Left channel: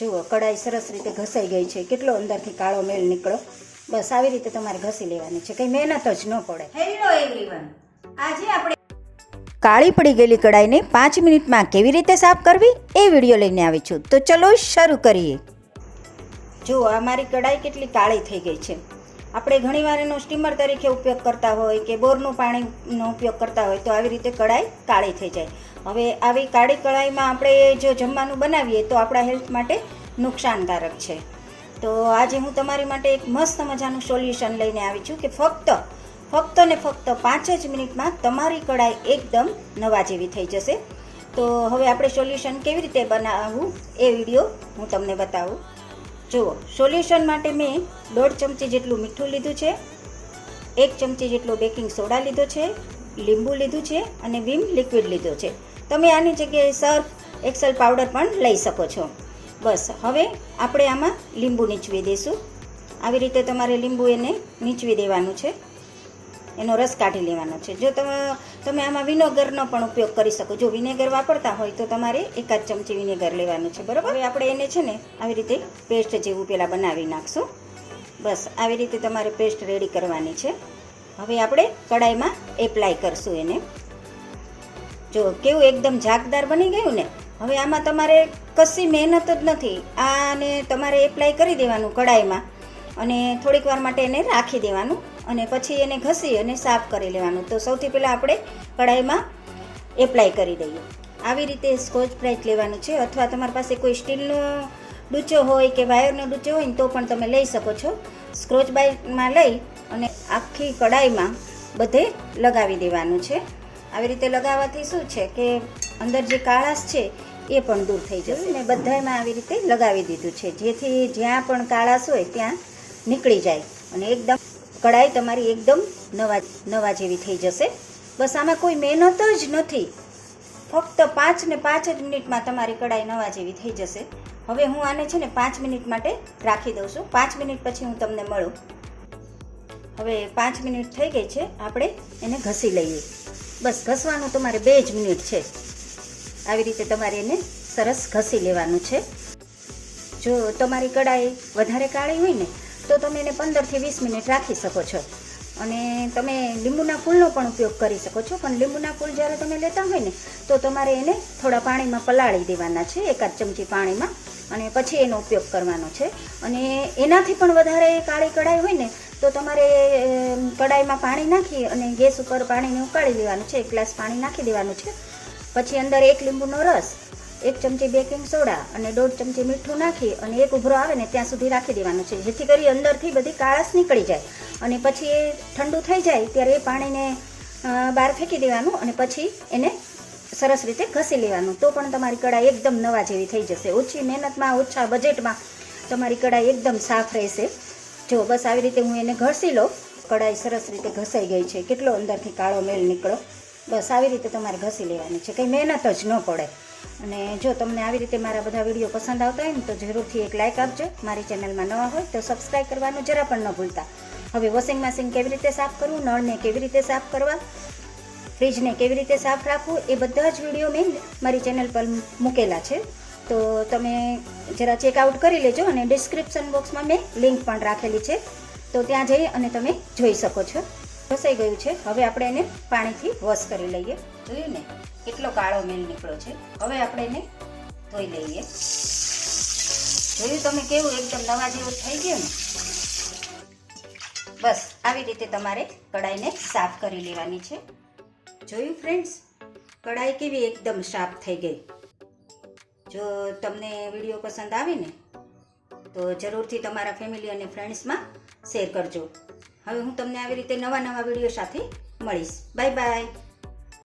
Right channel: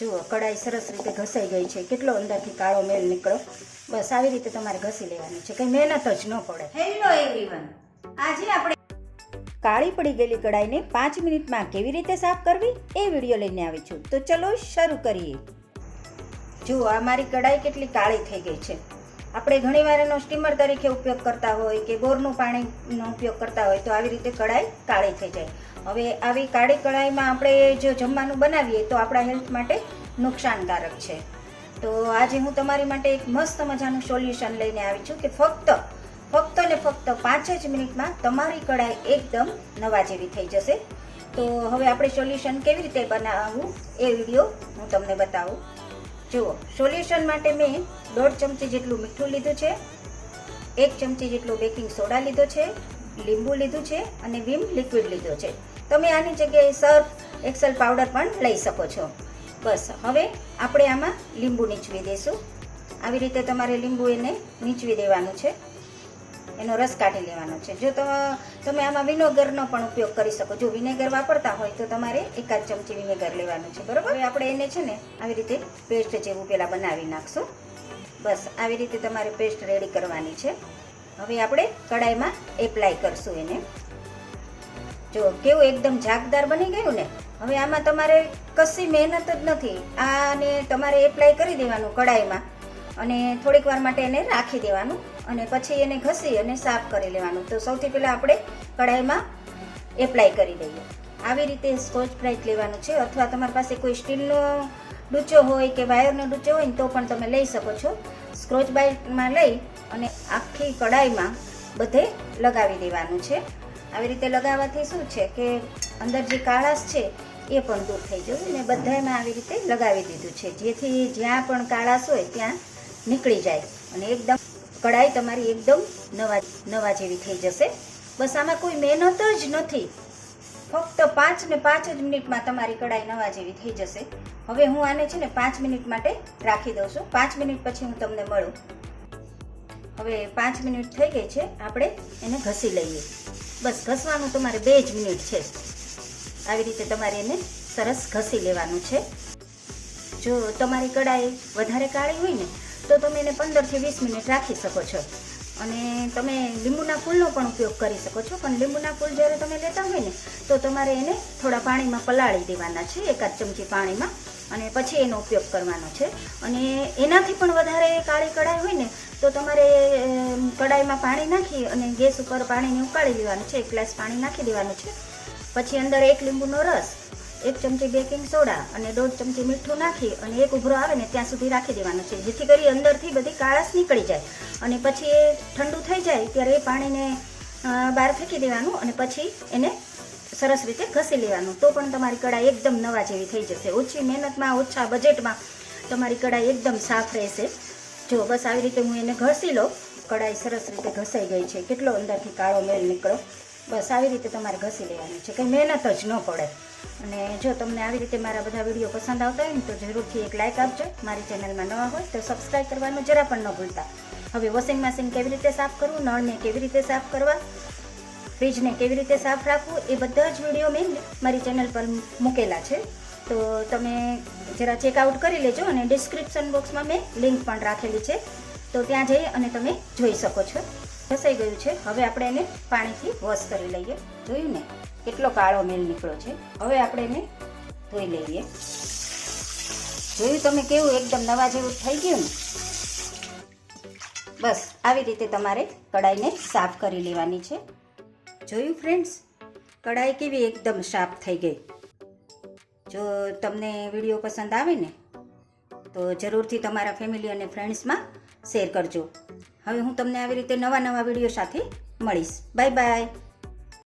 જુઓ કડાઈ સરસ રીતે ઘસાઈ ગઈ છે. કેટલો અંદરથી કાળો મેળ નીકળો. બસ આવી રીતે તમારે ઘસી લેવાની છે. કંઈ મહેનત જ ન પડે. હેલો એવરીવન આજે આપણે કાળી પડી ગયેલી કડાઈને પાંચ મિનિટમાં કેવી રીતે સાફ કરવી એ વીડિયો લઈને આવી છું. તો ચલો શરૂ કરીએ. જુઓ આ મારી કડાઈ કેટલી કાળી થઈ ગઈ છે. આપણે ઘણીવાર એનો સ્ટીમર તરીકે ઉપયોગ કરતા હોય કે બોરનું પાણીનો ઉપયોગ કરતા હોય તો આવી રીતે કઢાઈ કાળી થઈ જાય. હવે આવી કાળી કઢાઈમાં આપણે જો જમવાનું બનાવીએ તો આપણા હેલ્થ માટે નુકસાનકારક છે. તો આજે હું તમારી માટે એક મસ્ત મજાનું સોલ્યુશન લઈને આવી છું કે ફક્ત ફક્ત ને ફક્ત પાંચ જ મિનિટમાં તમારી કઢાઈ એકદમ નવા જેવી થઈ જશે. તો હવે આપણે સોલ્યુશન કેવી રીતે બનાવવું એ વીડિયો હું તમને બતાવું. જુઓ સોલ્યુશન માટે મેં દોઢ ચમચી જેટલું મીઠું લીધું છે, એક ચમચી જેટલો બેકિંગ સોડા લીધો છે, લીંબુ લીધું છે અને વિમ લિક્વિડ લીધો છે. તમે આની જગ્યાએ સર્ફ એક્સેલ પાવડર પણ લઈ શકો છો. બસ, હવે આપણે આમાં લીંબુ નીચવી દઈશું. આવી રીતે તમારે લીંબુ એને નીચવી દેવાનું છે. એનો રસ કાઢી લેવાનો છે. જો તમે આમાં વિનેગરનો પણ ઉપયોગ કરી શકો. જો વિનેગર વાપરતા હોય તો તમારે એકાદ ચમચી વિનેગર લેવાનું છે, બરાબર? હવે આપણે એને છે ને આવી રીતે પેસ્ટ જેવું પહેલાં બનાવી નાખશું. બસ, આવી રીતે તમારે પેસ્ટ રેડી કરવાની છે. હવે આપણે કડાઈમાં એપ્લાય કરશું એને. જો કેવું એકદમ ઝાકદાર બની ગયું ને, હવે આમાં તમારે કશી મહેનત જ નથી. આને તમારે એપ્લાય કરી દેવાનું કડાઈમાં અને થોડીક વાર માટે એને રાખી દેવાનું. અને પછી એને ઘસી અને સાફ કરી લેવાનું. તો સૌથી પહેલાં આપણે કઢાઈમાં એપ્લાય કરી દઈએ. આવી રીતે સ્કોચ બ્રાઇટ લેવાનું છે અથવા તમારી પાસે કોઈ સ્ટીલનો ડૂચો હોય કે વાયરનો ડૂચો હોય તો પણ તમે લઈ શકો છો. સ્ક્રોચ બ્રાઇટમાં લઈ અને આખી કઢાઈમાં બધે લગાવી દેવાનું છે. આવી રીતે લગાવવાથી શું છે કે અંદર જે કાળાશ છે એ પણ દૂર થઈ જશે મેં બધામાં આવી રીતે લગાવી દીધું છે. જેથી જ્યાં પણ કાળાશ હોય ત્યાં નીકળી જાય અને એકદમ કડાઈ તમારી એકદમ નવા નવા જેવી થઈ જશે. બસ આમાં કોઈ મહેનત જ નથી. ફક્ત પાંચ ને પાંચ જ મિનિટમાં તમારી કડાઈ નવા જેવી થઈ જશે. હવે હું આને છે ને પાંચ મિનિટ માટે રાખી દઉં છું. પાંચ મિનિટ પછી હું તમને મળું. હવે પાંચ મિનિટ થઈ ગઈ છે. આપણે એને ઘસી લઈએ. બસ ઘસવાનું તમારે બે જ મિનિટ છે. આવી રીતે તમારે એને સરસ ઘસી લેવાનું છે. જો તમારી કડાઈ વધારે કાળી હોય ને તો તમે એને પંદરથી વીસ મિનિટ રાખી શકો છો. અને તમે લીંબુના ફૂલનો પણ ઉપયોગ કરી શકો છો. પણ લીંબુના ફૂલ જ્યારે તમે લેતા હોય ને, તો તમારે એને થોડા પાણીમાં પલાળી દેવાના છે, એકાદ ચમચી પાણીમાં. અને પછી એનો ઉપયોગ કરવાનો છે. અને એનાથી પણ વધારે કાળી કઢાઈ હોય ને, તો તમારે કઢાઈમાં પાણી નાખી અને ગેસ ઉપર પાણીને ઉકાળી લેવાનું છે. એક ગ્લાસ પાણી નાખી દેવાનું છે. પછી અંદર એક લીંબુનો રસ એક ચમચી બેકિંગ સોડા અને દોઢ ચમચી મીઠું નાખી અને એક ઉભરો આવે ને ત્યાં સુધી રાખી દેવાનું છે, જેથી કરી અંદરથી બધી કાળાશ નીકળી જાય. અને પછી એ ઠંડુ થઈ જાય ત્યારે એ પાણીને બહાર ફેંકી દેવાનું અને પછી એને સરસ રીતે ઘસી લેવાનું. તો પણ તમારી કળા એકદમ નવા જેવી થઈ જશે. ઓછી મહેનતમાં, ઓછા બજેટમાં તમારી કઢાઈ એકદમ સાફ રહેશે. જો બસ આવી રીતે હું એને ઘસી લઉં, કઢાઈ સરસ રીતે ઘસાઈ ગઈ છે. કેટલો અંદરથી કાળો મેળ નીકળો બસ આવી રીતે તમારે ઘસી લેવાની છે. કંઈ મહેનત જ ન પડે. અને જો તમને આવી રીતે મારા બધા વીડિયો પસંદ આવતા હોય ને, તો જરૂરથી એક લાઇક આપજો. મારી ચેનલમાં ન હોય તો સબસ્ક્રાઈબ કરવાનું જરા પણ ન ભૂલતા. હવે વોશિંગ મશીન કેવી રીતે સાફ કરવું, નળને કેવી રીતે સાફ કરવા ફ્રીજને કેવી રીતે સાફ રાખવું, એ બધા જ વીડિયો મેં મારી ચેનલ પર મૂકેલા છે. તો તમે જરા ચેકઆઉટ કરી લેજો અને ડિસ્ક્રિપ્શન બોક્સમાં મેં લિંક પણ રાખેલી છે. તો ત્યાં જઈ અને તમે જોઈ શકો છો. ઘસાઈ ગયું છે. હવે આપણે એને પાણીથી વોશ કરી લઈએ. જોયું ને? કેટલો કાળો મેલ નીકળ્યો છે. હવે આપણે એને ધોઈ લઈએ. જોયું તમે કેવું એકદમ નવા જેવું થઈ ગયું ને? બસ, આવી રીતે તમારે કડાઈને સાફ કરી લેવાની છે. જોયું ફ્રેન્ડ્સ? કડાઈ કેવી એકદમ સાફ થઈ ગઈ. જો તમને વીડિયો પસંદ આવે ને, તો જરૂરથી તમારા ફેમિલી અને ફ્રેન્ડ્સમાં શેર કરજો. હવે હું તમને આવી રીતે નવા નવા વીડિયો સાથે મળીશ. Bye bye.